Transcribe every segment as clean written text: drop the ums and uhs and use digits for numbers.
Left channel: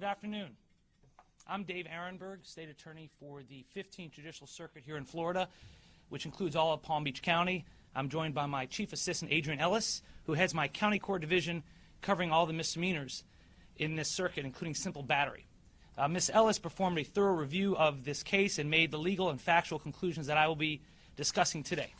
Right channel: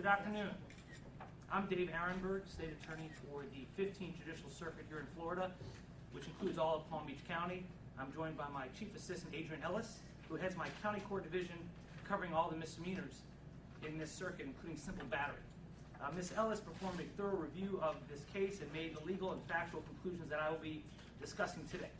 Good afternoon. I'm Dave Ehrenberg, State Attorney for the 15th Judicial Circuit here in Florida, which includes all of Palm Beach County. I'm joined by my Chief Assistant, Adrian Ellis, who heads my County Court Division covering all the misdemeanors in this circuit, including simple battery. Ms. Ellis performed a thorough review of this case and made the legal and factual conclusions that I will be discussing today.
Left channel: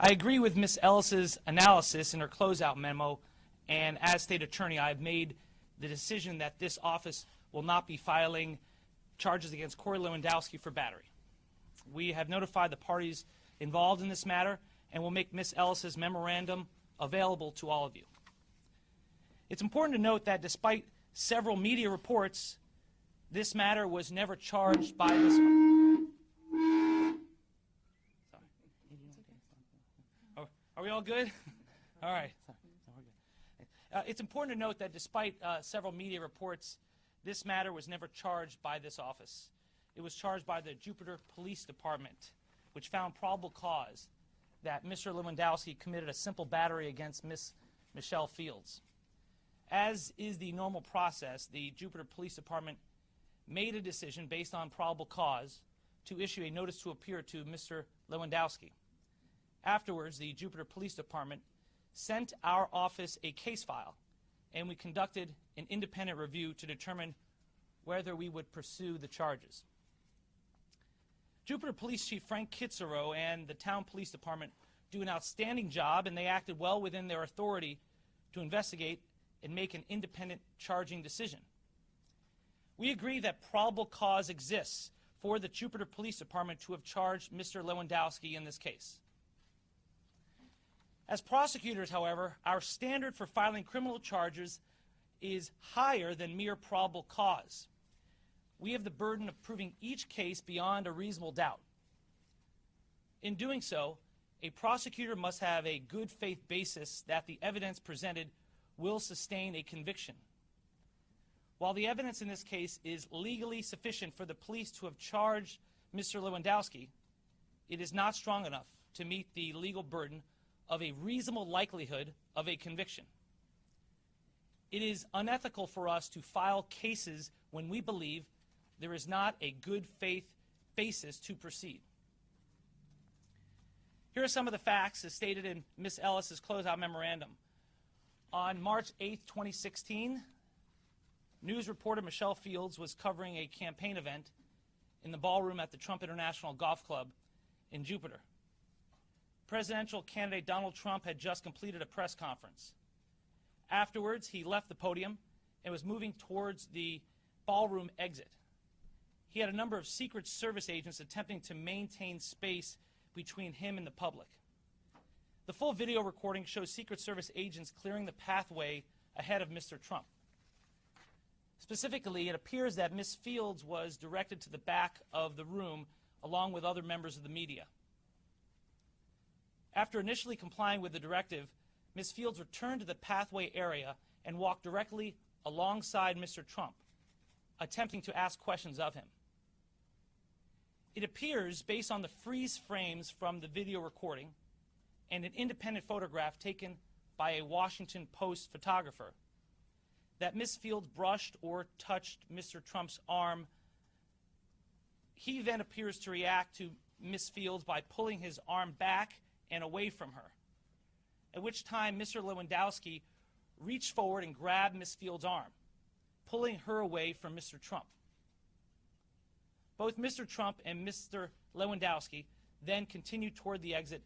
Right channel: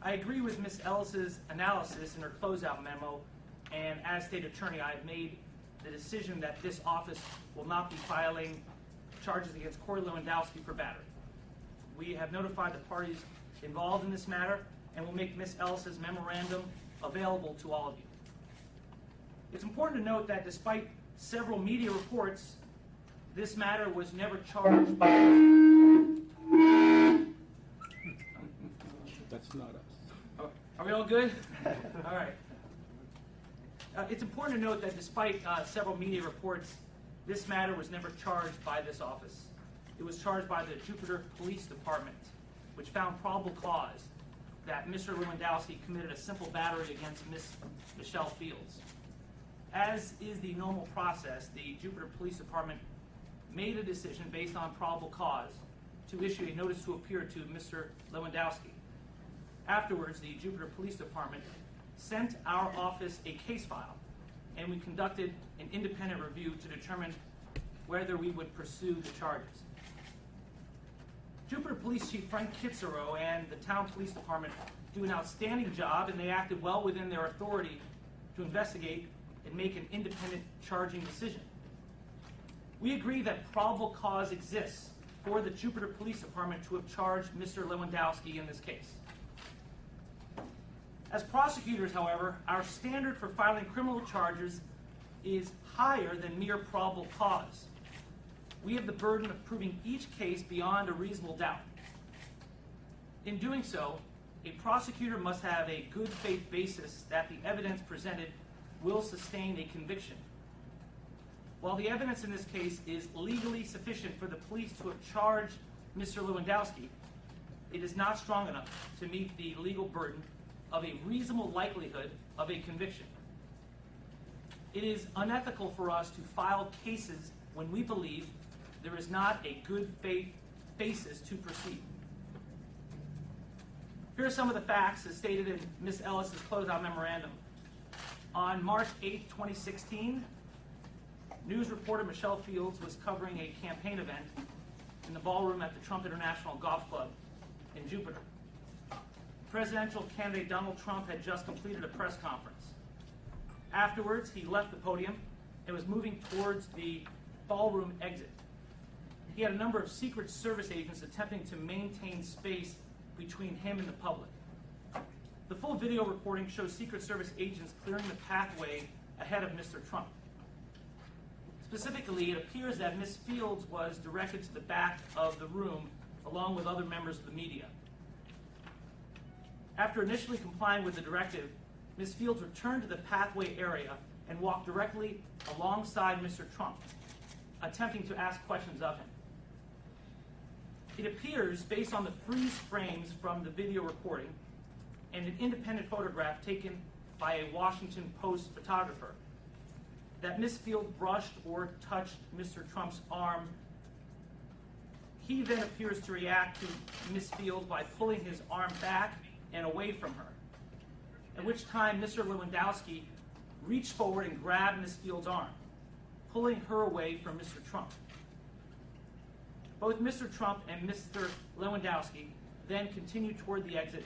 I agree with Ms. Ellis's analysis in her closeout memo, and as State Attorney, I've made the decision that this office will not be filing charges against Corey Lewandowski for battery. We have notified the parties involved in this matter and will make Ms. Ellis's memorandum available to all of you. It's important to note that despite several media reports, this matter was never charged by Ms. That's not us. Are we all good? All right. It's important to note that despite several media reports, this matter was never charged by this office. It was charged by the Jupiter Police Department, which found probable cause that Mr. Lewandowski committed a simple battery against Ms. Michelle Fields. As is the normal process, the Jupiter Police Department made a decision based on probable cause to issue a notice to appear to Mr. Lewandowski. Afterwards, the Jupiter Police Department sent our office a case file, and we conducted an independent review to determine whether we would pursue the charges. Jupiter Police Chief Frank Kitzero and the Town Police Department do an outstanding job, and they acted well within their authority to investigate and make an independent charging decision. We agree that probable cause exists for the Jupiter Police Department to have charged Mr. Lewandowski in this case. As prosecutors, however, our standard for filing criminal charges is higher than mere probable cause. We have the burden of proving each case beyond a reasonable doubt. In doing so, a prosecutor must have a good faith basis that the evidence presented will sustain a conviction. While the evidence in this case is legally sufficient for the police to have charged Mr. Lewandowski, it is not strong enough to meet the legal burden of a reasonable likelihood of a conviction. It is unethical for us to file cases when we believe there is not a good faith basis to proceed. Here are some of the facts as stated in Ms. Ellis's closeout memorandum. On March 8, 2016, news reporter Michelle Fields was covering a campaign event in the ballroom at the Trump International Golf Club in Jupiter. Presidential candidate Donald Trump had just completed a press conference. Afterwards, he left the podium and was moving towards the ballroom exit. He had a number of Secret Service agents attempting to maintain space between him and the public. The full video recording shows Secret Service agents clearing the pathway ahead of Mr. Trump. Specifically, it appears that Ms. Fields was directed to the back of the room along with other members of the media. After initially complying with the directive, Ms. Fields returned to the pathway area and walked directly alongside Mr. Trump, attempting to ask questions of him. It appears, based on the freeze frames from the video recording and an independent photograph taken by a Washington Post photographer, that Ms. Fields brushed or touched Mr. Trump's arm. He then appears to react to Ms. Fields by pulling his arm back and away from her, at which time Mr. Lewandowski reached forward and grabbed Ms. Fields' arm, pulling her away from Mr. Trump. Both Mr. Trump and Mr. Lewandowski then continued toward the exit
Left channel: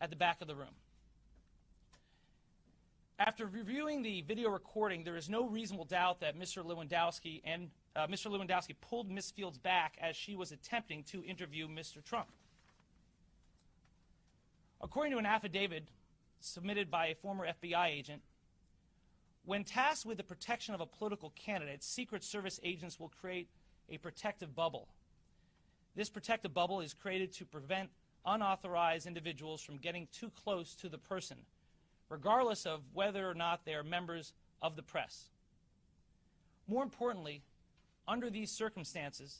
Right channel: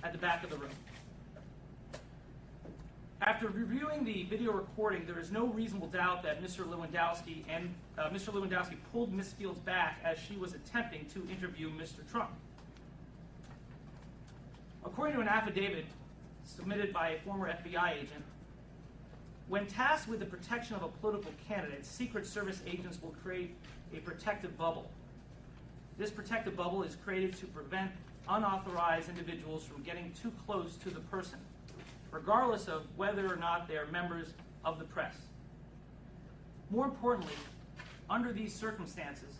at the back of the room. After reviewing the video recording, there is no reasonable doubt that Mr. Lewandowski pulled Ms. Fields back as she was attempting to interview Mr. Trump. According to an affidavit submitted by a former FBI agent, when tasked with the protection of a political candidate, Secret Service agents will create a protective bubble. This protective bubble is created to prevent unauthorized individuals from getting too close to the person, regardless of whether or not they are members of the press. More importantly, under these circumstances,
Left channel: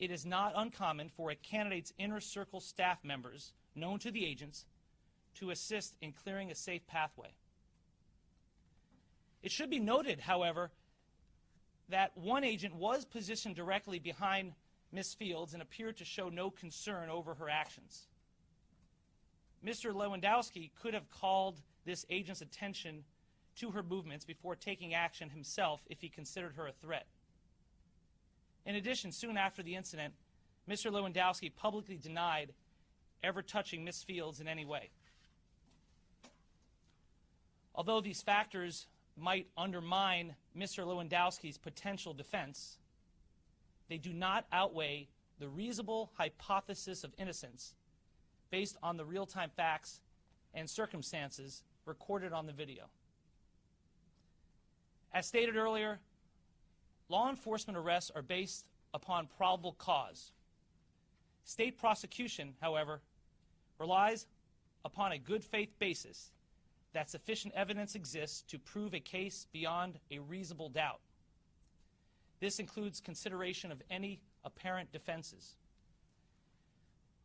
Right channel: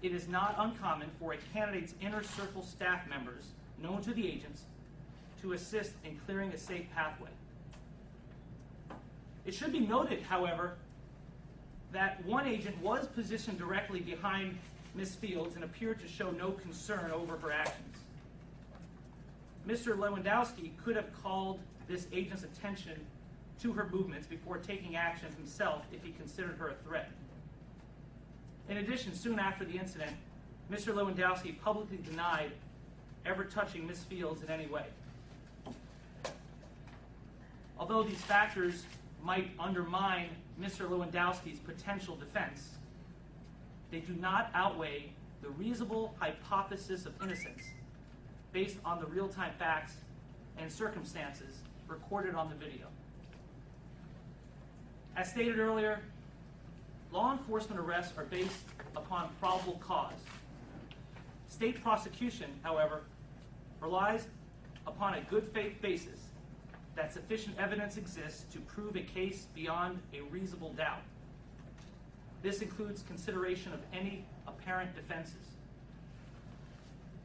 it is not uncommon for a candidate's inner circle staff members, known to the agents, to assist in clearing a safe pathway. It should be noted, however, that one agent was positioned directly behind Ms. Fields and appeared to show no concern over her actions. Mr. Lewandowski could have called this agent's attention to her movements before taking action himself if he considered her a threat. In addition, soon after the incident, Mr. Lewandowski publicly denied ever touching Ms. Fields in any way. Although these factors might undermine Mr. Lewandowski's potential defense, they do not outweigh the reasonable hypothesis of innocence based on the real-time facts and circumstances recorded on the video. As stated earlier, law enforcement arrests are based upon probable cause. State prosecution, however, relies upon a good faith basis that sufficient evidence exists to prove a case beyond a reasonable doubt. This includes consideration of any apparent defenses.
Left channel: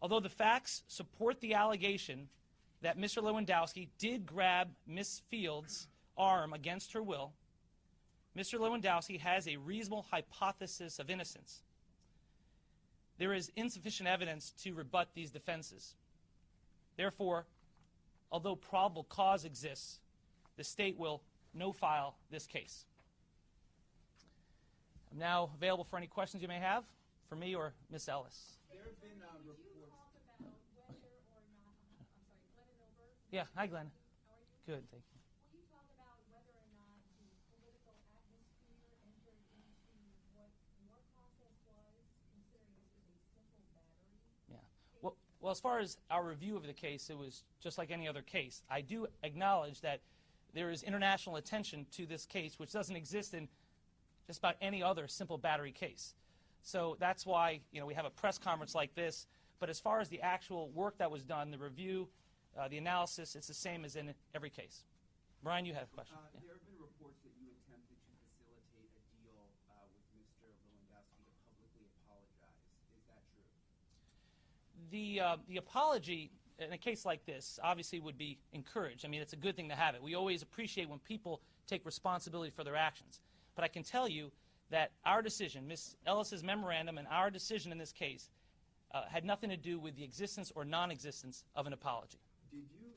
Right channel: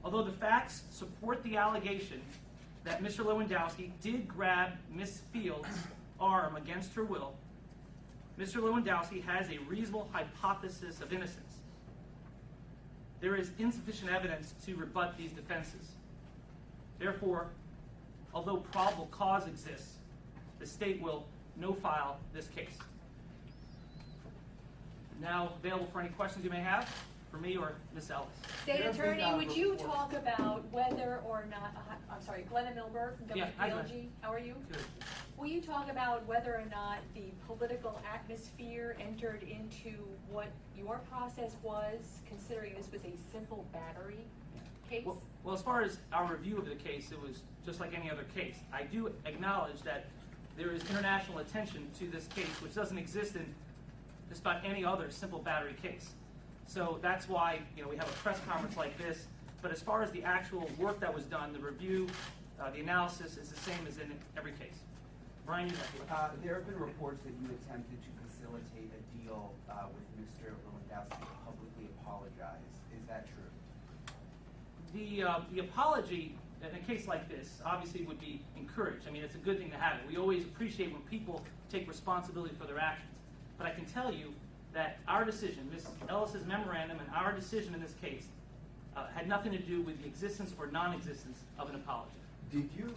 Although the facts support the allegation that Mr. Lewandowski did grab Ms. Fields' arm against her will, Mr. Lewandowski has a reasonable hypothesis of innocence. There is insufficient evidence to rebut these defenses. Therefore, although probable cause exists, the state will no-file this case. Now available for any questions you may have for me or Ms. Ellis. State Attorney, would you talk about whether or not, I'm sorry, Glenna Milberg from Yeah, hi, Glenn. WPLG, how are you? Good. Will you talk about whether or not the political atmosphere entered into what your process was, considering this was a simple battery case? Well, as far as our review of the case, it was just like any other case. I do acknowledge that there is international attention to this case, which doesn't exist in just about any other simple battery case. So that's why we have a press conference like this. But as far as the actual work that was done, the review, the analysis is the same as in every case. Brian, you have the floor. There have been reports that you attempted to facilitate a deal with Mr. Lewandowski to publicly apologize. Is that true? The apology in a case like this obviously would be encouraged. I mean, it's a good thing to have it. We always appreciate when people take responsibility for their actions. But I can tell you that our decision, Ms. Ellis's memorandum and our decision in this case, had nothing to do with the existence or non-existence of an apology. Did you,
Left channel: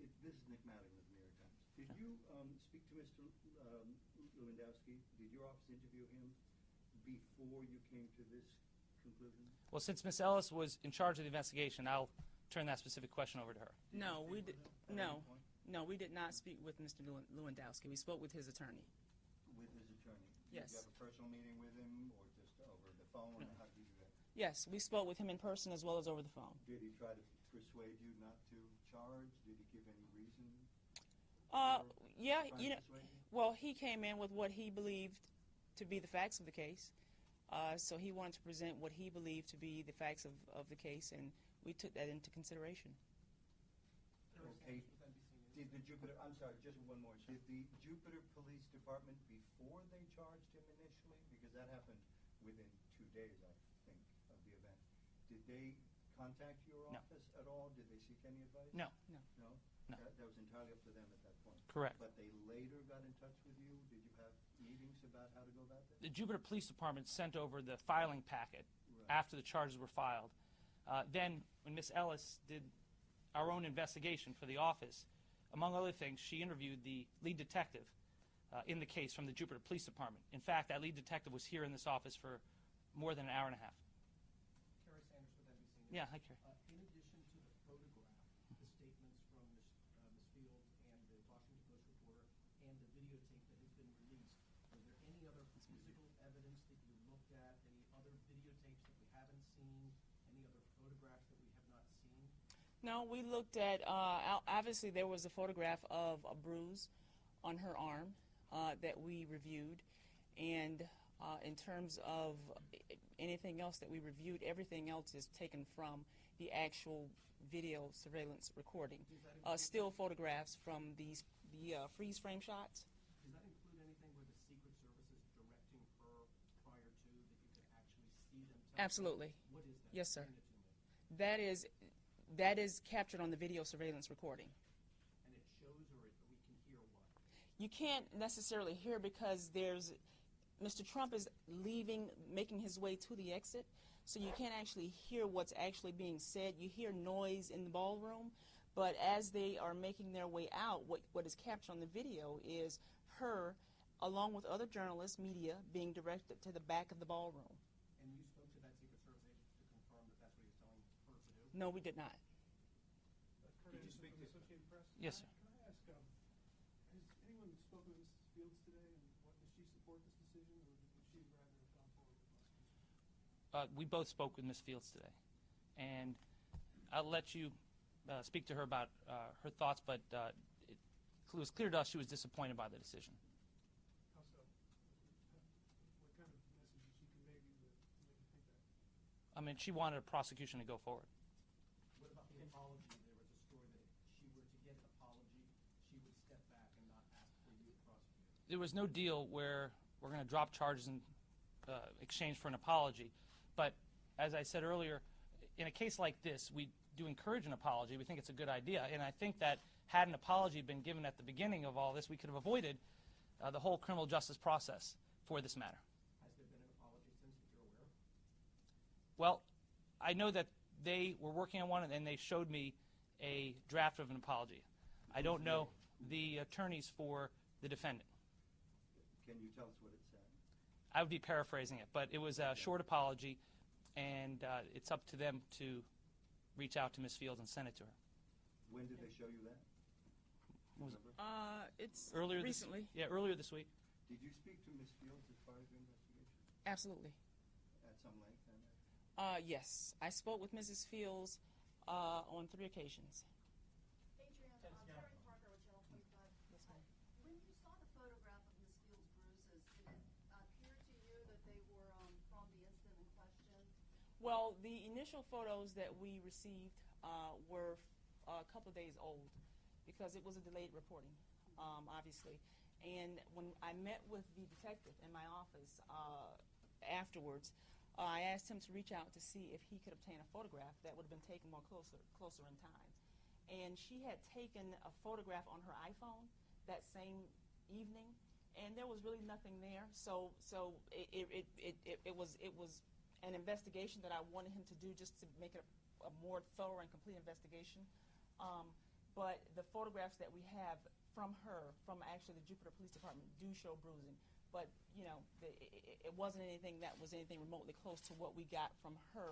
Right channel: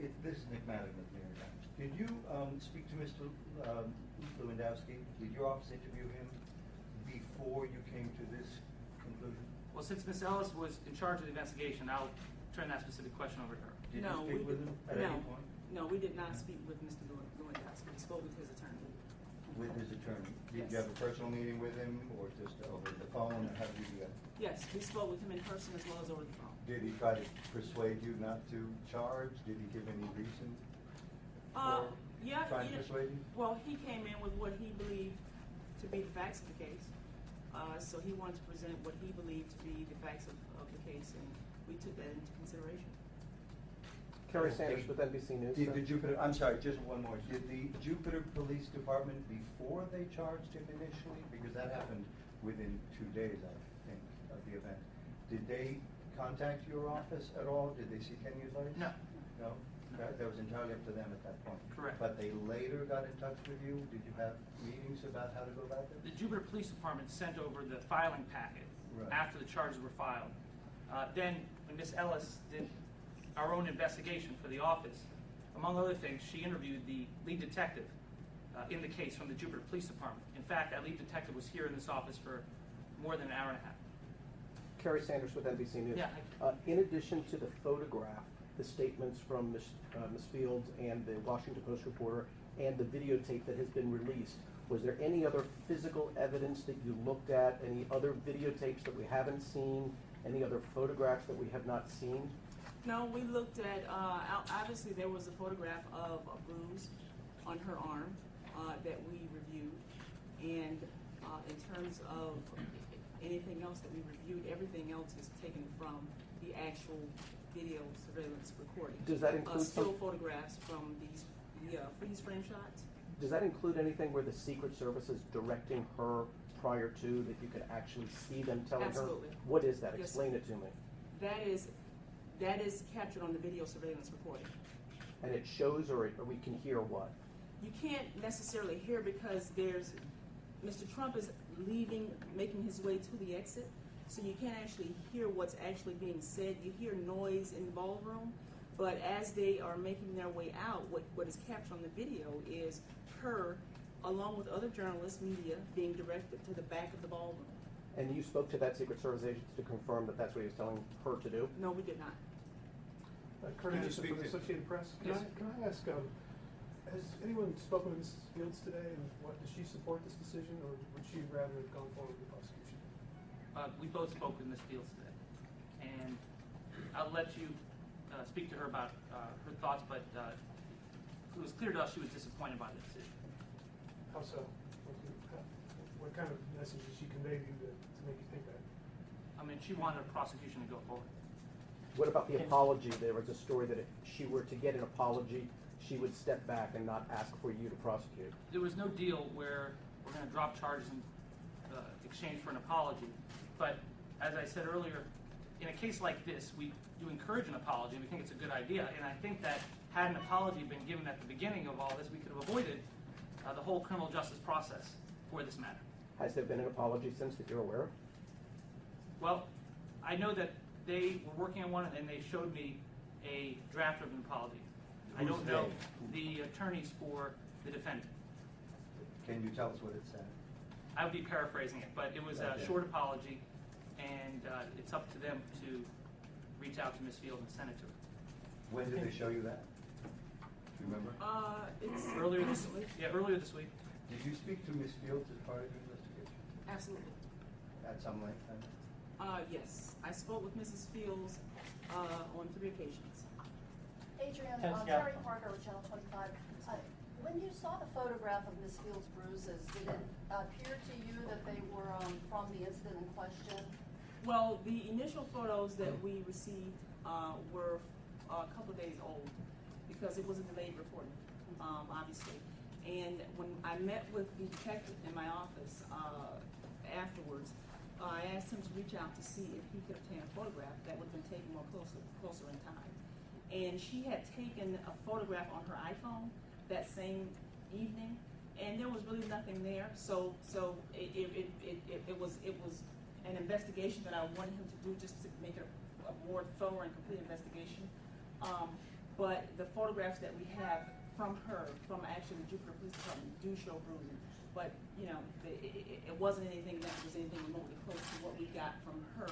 this is Nick Madigan with New York Times. Did you speak to Mr. Lewandowski? Did your office interview him before you came to this conclusion? Well, since Ms. Ellis was in charge of the investigation, I'll turn that specific question over to her. Did you speak with him at any point? No, we did not speak with Mr. Lewandowski. We spoke with his attorney. With his attorney? Yes. Did you have a personal meeting with him or just over the phone? Or how did you do that? Yes, we spoke with him in person as well as over the phone. Did he try to persuade you not to charge? Did he give any reason Yeah, trying to persuade you? well, he came in with what he believed to be the facts of the case. So he wanted to present what he believed to be the facts of the case, and we took that into consideration. Kerry Sanders with NBC News. Did the Jupiter, I'm sorry, just one more. Did the Jupiter Police Department, before they charged him initially, because that happened within 2 days, I think, of the event, did they contact your office at all? Did they seek any advice? No. No? That was entirely up to them at that point? Correct. But they later got in touch with you? Did you have meetings about how to go about this? The Jupiter Police Department sent over the filing packet Right. after the charges were filed. Then when Ms. Ellis did our own investigation for the office, among other things, she interviewed the lead detective in the case from the Jupiter Police Department. In fact, that lead detective was here in this office for more than an hour and a half. Kerry Sanders with NBC News. Yeah. In addition to the photograph, the statements from Ms. Fields and the Washington Post reporter and the videotape that has been released, was there any other physical evidence that you looked at, any other videotapes that we haven't seen, any other photographs that we have not seen? No, we looked at, obviously there was a photograph of a bruise on her arm that we reviewed. And in terms of anything else that we reviewed, everything else is taken from the actual video surveillance recording. Does that include still photographs from these freeze frame shots? Does that include anything where the Secret Service is directing her prior to, that you could actually see them telling Absolutely. her? What is that? Yes, Explain sir. it to me. That is captured on the video surveillance recording. And it shows, or we can hear what? You can't necessarily hear because there's Mr. Trump is leaving, making his way to the exit, so you can't actually hear what's actually being said. You hear noise in the ballroom, but as they are making their way out, what is captured on the video is her, along with other journalists, media, being directed to the back of the ballroom. And you spoke to that Secret Service agent to confirm that that's what he was telling her to do? No, we did not. Kurt Can you Anderson speak from the to- Associated Press. Yes. Can I ask, has anyone spoken with Mrs. Fields today, and does she support this decision, or would she rather have gone forward with the prosecution? We both spoke with Ms. Fields today, and I'll let you speak to her about her thoughts, but it was clear to us she was disappointed by the decision. How so? What kind of message did she convey to you to make you think that? I mean, she wanted a prosecution to go forward. What about the apology? There was a story that if she were to get an apology, she would step back and not ask for you to prosecute. There was no deal where we're going to drop charges in exchange for an apology. But as I said earlier, in a case like this, we do encourage an apology. We think it's a good idea. And I think that had an apology been given at the beginning of all this, we could have avoided the whole criminal justice process for this matter. Has there been an apology since that you're aware of? Well, I know that they were working on one, and they showed me a draft of an apology. I don't know the attorneys for the defendant. Can you tell us what it said? I would be paraphrasing it, but it was a short apology, and it's up to them to reach out to Ms. Fields and send it to her. When did they show you that? Remember? It's Earlier this recently. week. Yeah, earlier this week. Did you speak to Ms. Fields as part of your investigation? Absolutely. At some length, then? Yes, I spoke with Mrs. Fields on 3 occasions. Adrian, Yes, Terry Parker with Channel 25. When you saw the photograph of Ms. Fields' bruises, did it appear to you that they were from the incident in question? Well, the initial photos that we received were a couple of days old because it was a delayed reporting, obviously. And when I met with the detective in my office afterwards, I asked him to reach out to see if he could obtain a photograph that would have been taken more closer in time. And she had taken a photograph on her iPhone that same evening, and there was really nothing there. So it was an investigation that I wanted him to do just to make it a more thorough and complete investigation. But the photographs that we have from her, from actually the Jupiter Police Department, do show bruising. But you know, it wasn't anything that was anything remotely close to what we got from her,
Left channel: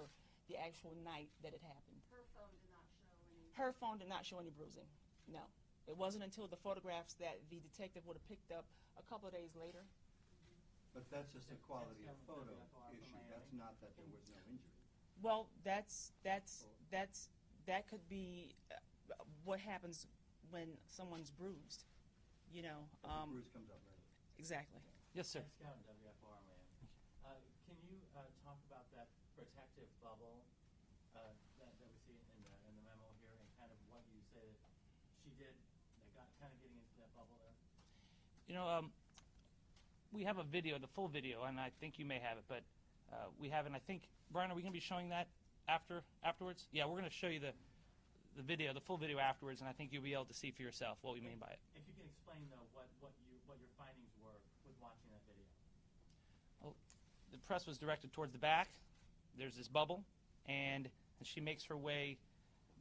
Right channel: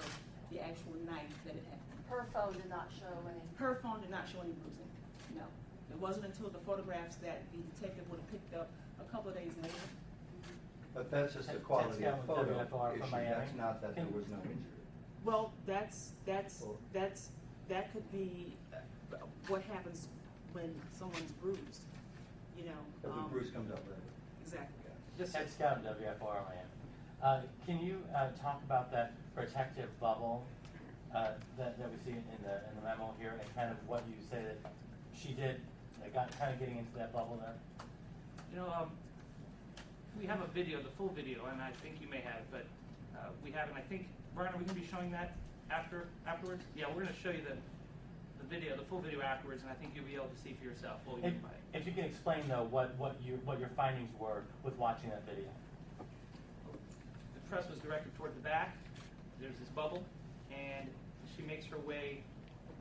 the actual night that it happened. Her phone did not show any. Her phone did not show any bruising. No. It wasn't until the photographs that the detective would have picked up a couple of days later. But that's just the That's quality of down with photo WFR issue. from Miami. That's not that there was no injury. Well, that could be what happens when someone's bruised. You know. But the bruise comes up later. Exactly. Yes, sir. Ted Scout, WFR Miami. Can you talk about that protective bubble that we see in the memo here, and kind of what you say that she did, got kind of getting into that bubble there? You know, we have a video, the full video, and I think you may have it, but we haven't. I think, Brian, are we going to be showing that afterwards? Yeah, we're going to show you the video, the full video afterwards, and I think you'll be able to see for yourself what we mean by it. If you can explain though what your findings were with watching that video. Well, the press was directed toward the back. There's this bubble, and she makes her way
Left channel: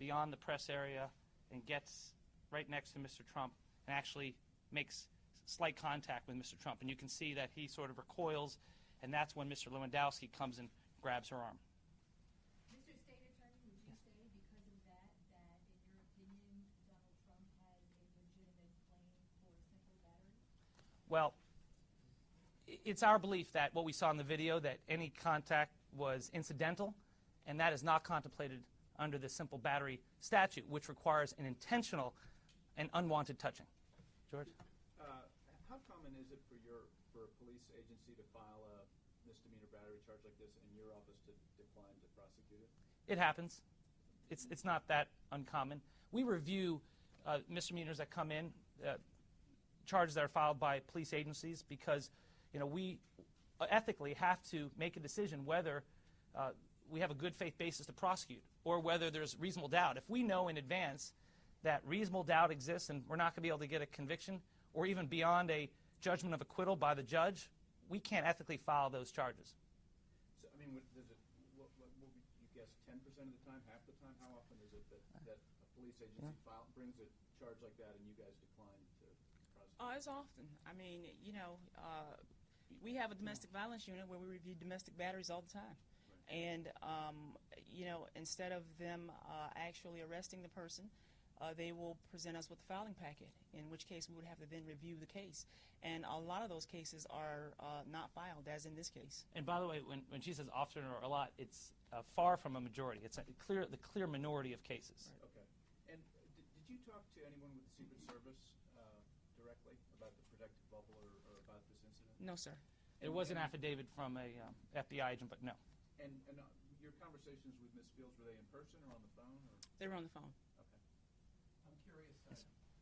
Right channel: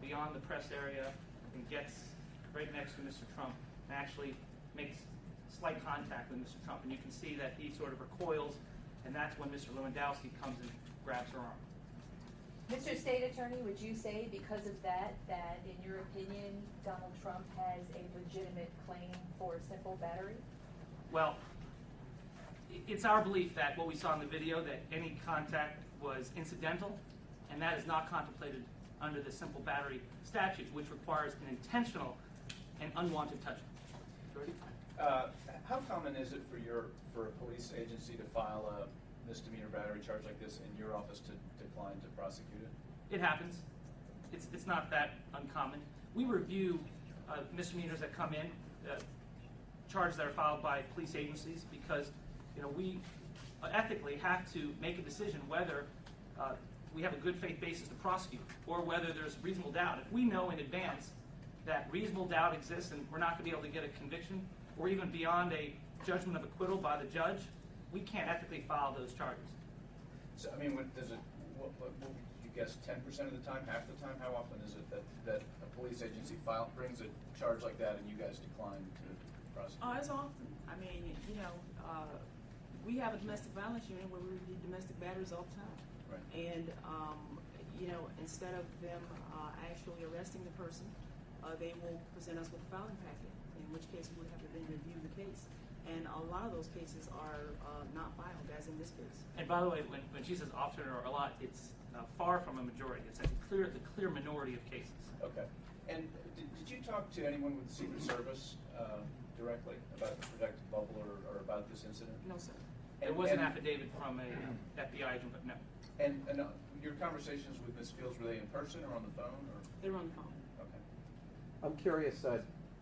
beyond the press area and gets right next to Mr. Trump and actually makes slight contact with Mr. Trump. And you can see that he sort of recoils, and that's when Mr. Lewandowski comes and grabs her arm. Mr. State Attorney, would you say because of that, in your opinion, Donald Trump has a legitimate claim for simple battery? Well, it's our belief that what we saw in the video, that any contact was incidental, and that is not contemplated under the simple battery statute, which requires an intentional and unwanted touching. George? How common is it for a police agency to file a misdemeanor battery charge like this in your office to decline to prosecute it? It happens. It's not that uncommon. We review misdemeanors that come in, charges that are filed by police agencies, because we ethically have to make a decision whether we have a good faith basis to prosecute or whether there's reasonable doubt. If we know in advance that reasonable doubt exists and we're not going to be able to get a conviction or even beyond a judgment of acquittal by the judge, we can't ethically file those charges. So, I mean, does it, what would you guess, 10% of the time, half the time? How often is it that a police agency brings a charge like that and you guys decline to prosecute? It's often. I mean, you know, we have a domestic violence unit where we review domestic batteries all the time. Right. And, you know, instead of them actually arresting the person, they will present us with a filing packet, in which case we would have to then review the case. And a lot of those cases are not filed, as in this case. And by the way, when she says often or a lot, it's far from a majority. It's like the clear minority of cases. Okay. And did you talk to anyone with the Secret Service directly about the protective bubble or about this incident? No, sir. There was an affidavit from a FBI agent, but no. And your conversations with Ms. Fields, were they in person or on the phone? Or? They were on the phone. Okay. I'm curious,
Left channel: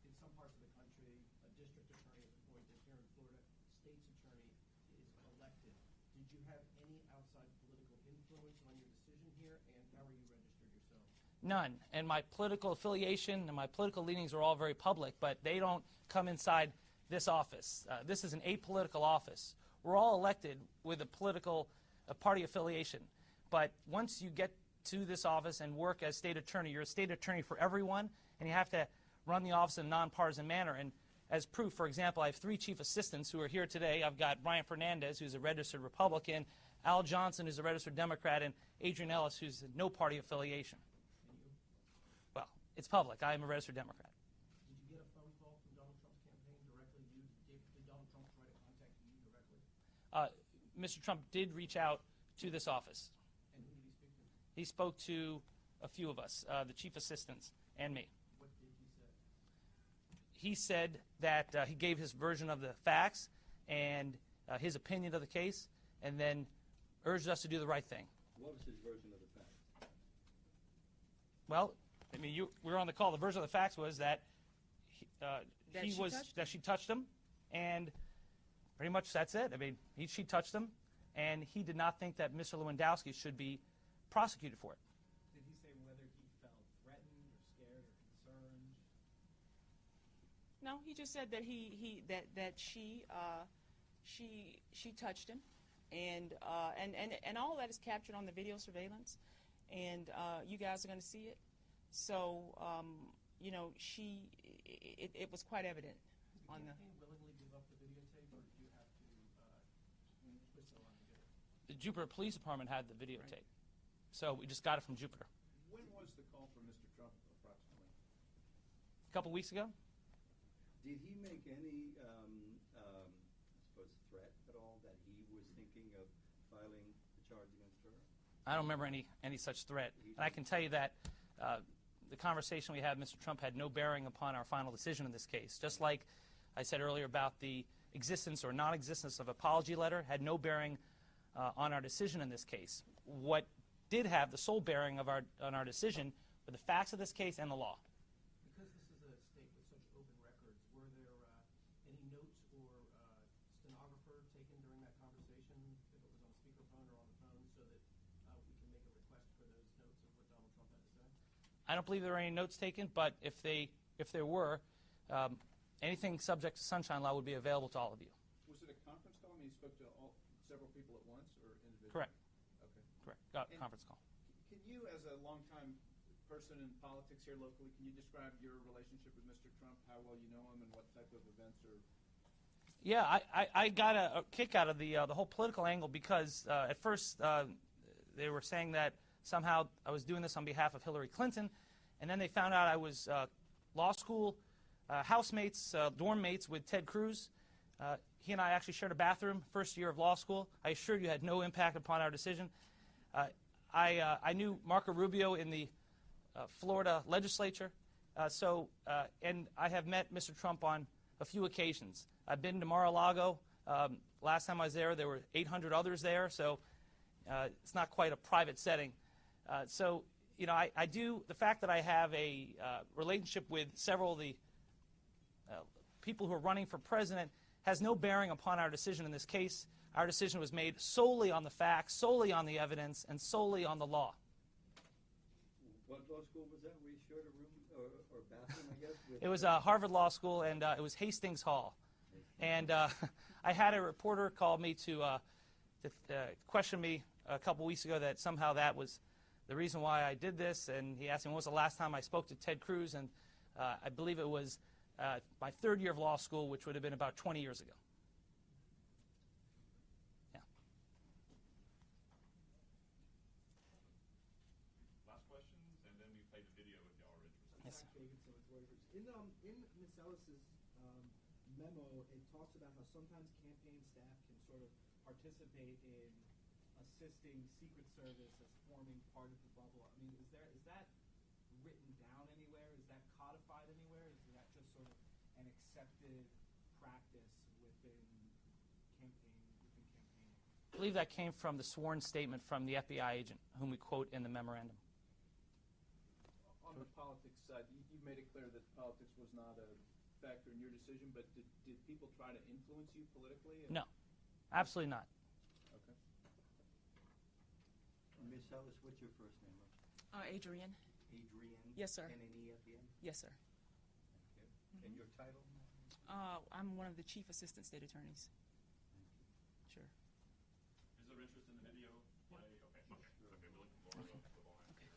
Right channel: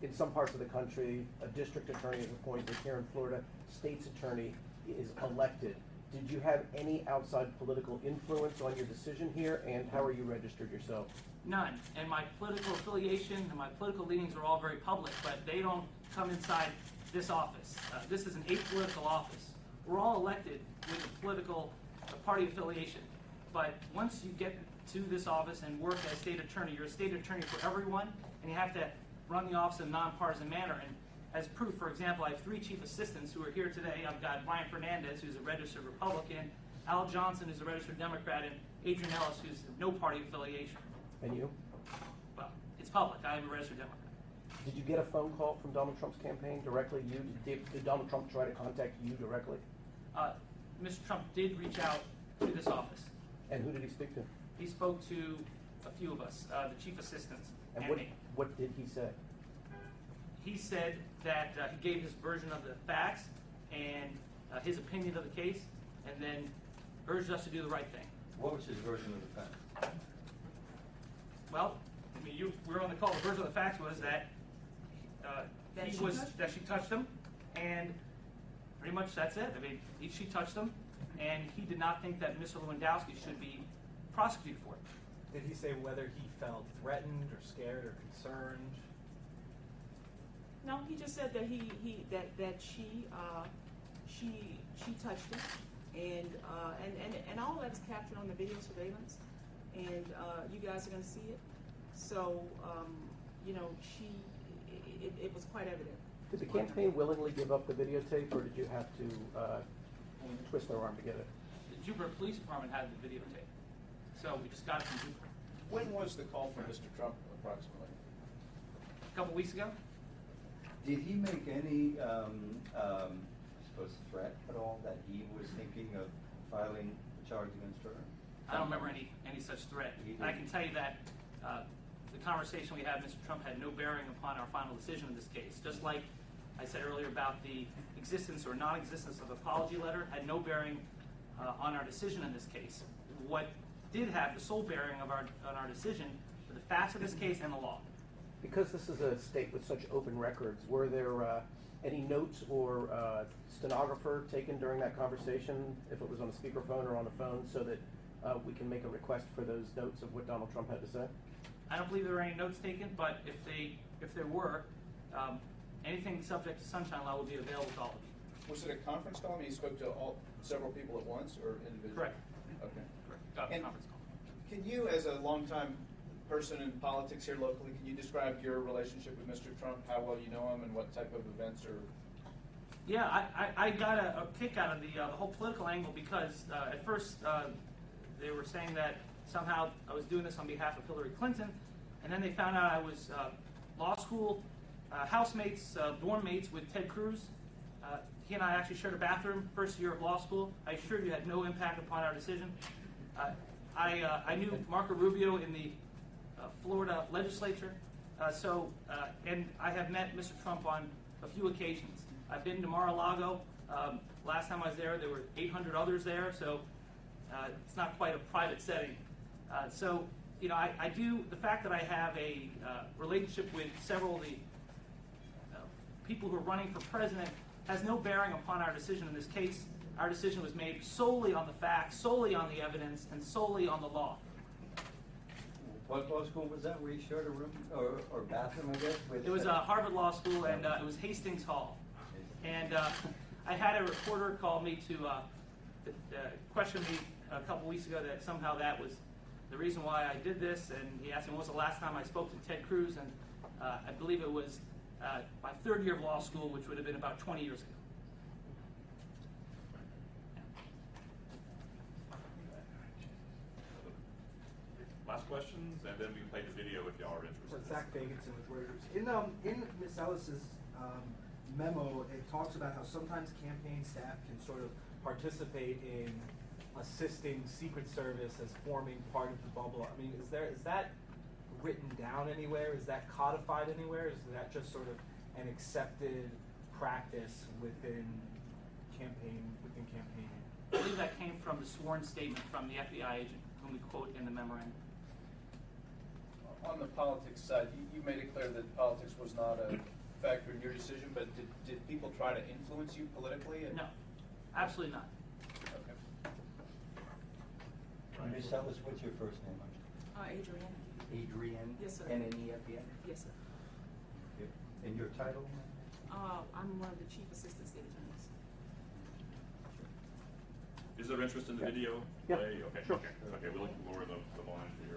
in some parts of the country, a district attorney is appointed. Here in Florida, state's attorney is elected. Did you have any outside political influence on your decision here, and how are you registered yourself? None. And my political affiliation and my political leanings are all very public, but they don't come inside this office. This is an apolitical office. We're all elected with a political party affiliation. But once you get to this office and work as state attorney, you're a state attorney for everyone, and you have to run the office in a nonpartisan manner. And as proof, for example, I have 3 chief assistants who are here today. I've got Brian Fernandez, who's a registered Republican, Al Johnson, who's a registered Democrat, and Adrian Ellis, who's no party affiliation. And you? Well, it's public. I am a registered Democrat. Did you get a phone call from Donald Trump's campaign directly? Did Donald Trump try to contact you directly? Mr. Trump did reach out to this office. And who did he speak to? He spoke to a few of us, the chief assistants, and what, me. What did he say? He said that he gave his version of the facts and his opinion of the case, and then urged us to do the right thing. What was his version of the facts? Well, I mean, we were on the call. The version of the facts was that that she touched him, and pretty much that's it. I mean, she touched him, and he did not think that Mr. Lewandowski should be prosecuted for it. Did he say whether he felt threatened or scared or concerned? No, he just said that that she touched him, and all that's captured on the video surveillance, and you guys are going to see it. So you know, it was quite evident. Did the campaign willingly give up the videotape, or did you have to twist their arm to get it? The Jupiter Police Department had the videotape, so we just got it from Jupiter. When was the call from Mr. Trump, approximately? A couple weeks ago. Did he make any, I suppose, threat at all that he was thinking of filing a charge against her? I don't remember any such threat. I can tell you that the conversation we had with Mr. Trump had no bearing upon our final decision in this case. Just like I said earlier about the existence or non-existence of an apology letter had no bearing on our decision in this case. What did have the sole bearing on our decision were the facts of this case and the law. Because this is a state with such open records, were there any notes or stenographer taken during that conversation, if it was on a speakerphone or on a phone, so that we can make a request for those notes of what Donald Trump had to say? I don't believe there were any notes taken, but if there were, anything subject to sunshine law would be available to all of you. Was it a conference call? I mean, he spoke to several people at once, or individually? Correct. Okay. And conference call. Can you, as a longtime person in politics here locally, can you describe your relationship with Mr. Trump, how well you know him, and what type of events or? Yeah, I got a kick out of the whole political angle because at first they were saying that somehow I was doing this on behalf of Hillary Clinton, and then they found out I was law school housemates, dorm mates with Ted Cruz. He and I actually shared a bathroom first year of law school. I assure you had no impact upon our decision. I knew Marco Rubio in the Florida legislature, and I have met Mr. Trump on a few occasions. I've been to Mar-a-Lago. Last time I was there were 800 others there, so it's not quite a private setting. So, you know, I do, the fact that I have a relationship with several of the people who are running for president has no bearing upon our decision in this case. Our decision was made solely on the facts, solely on the evidence, and solely on the law. What law school was that, where you shared a room, or bathroom, I guess? With It was Harvard Law School, and it was Hastings Hall. And I had a reporter call me to question me a couple weeks ago that somehow that was the reason why I did this, and he asked me when was the last time I spoke to Ted Cruz, and I believe it was my third year of law school, which would have been about 20 years ago. Last questions, and then we can play the video if y'all are interested. Zach Fagenson with Reuters. In Ms. Ellis's memo, it talks about how sometimes campaign staff can sort of participate in assisting Secret Service as forming part of the bubble. I mean, is that written down anywhere? Is that codified anywhere? Is that just sort of an accepted practice within campaigning? I believe that came from the sworn statement from the FBI agent, whom we quote in the memorandum. On the politics side, you made it clear that politics was not a factor in your decision, but did people try to influence you politically? No, absolutely not. Okay. Ms. Ellis, what's your first name? Adrienne? Adrienne? Yes, sir. N-N-E at the end? Yes, sir. Okay. And your title? I'm one of the chief assistant state attorneys. Is there interest in the video? Yeah, play? Okay, sure. okay, we're looking for the volunteer.